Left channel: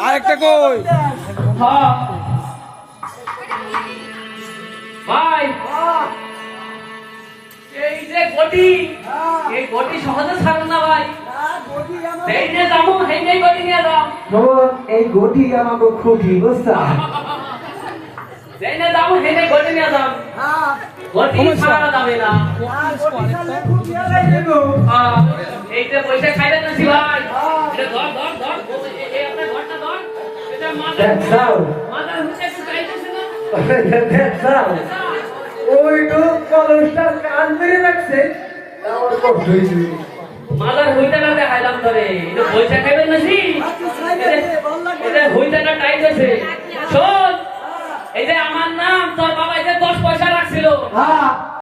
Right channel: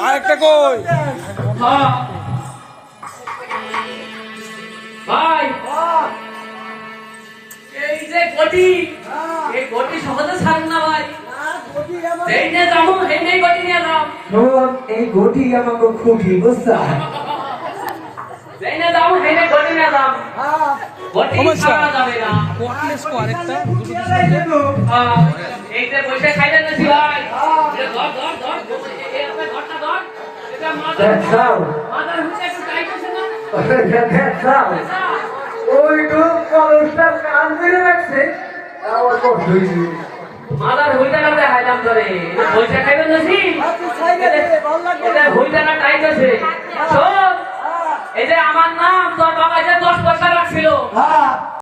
আরেকটা কই ভাই এই যে গটি এই গটি সহজে ছাড়ুন না ভাই এই নিয়ে যাবো এই গটি নিয়ে যাও এই গটি আমাকে খুঁটি বুঝছা এই নিয়ে যাবো এই গটি নিয়ে যাও গটি ছাড়া যাবে না এই যে পয়সা খাইবেন না ভাই এটা ধর এই আপনার ঘরটা ধর এটা মাদার হুঁচে একটু টাইট আছে না ওইটু কলসটার কান ধরে রাখছে আমার কষ্ট হয়েছে মাদার হুইটাটা দেখাইলাম ধরে এটা পয়সা খাইবেন না এটা হুইটাটা টাইট আছে শোন এই যে আমার নাম তোর বাবা যে 10 পয়সা রাখছিল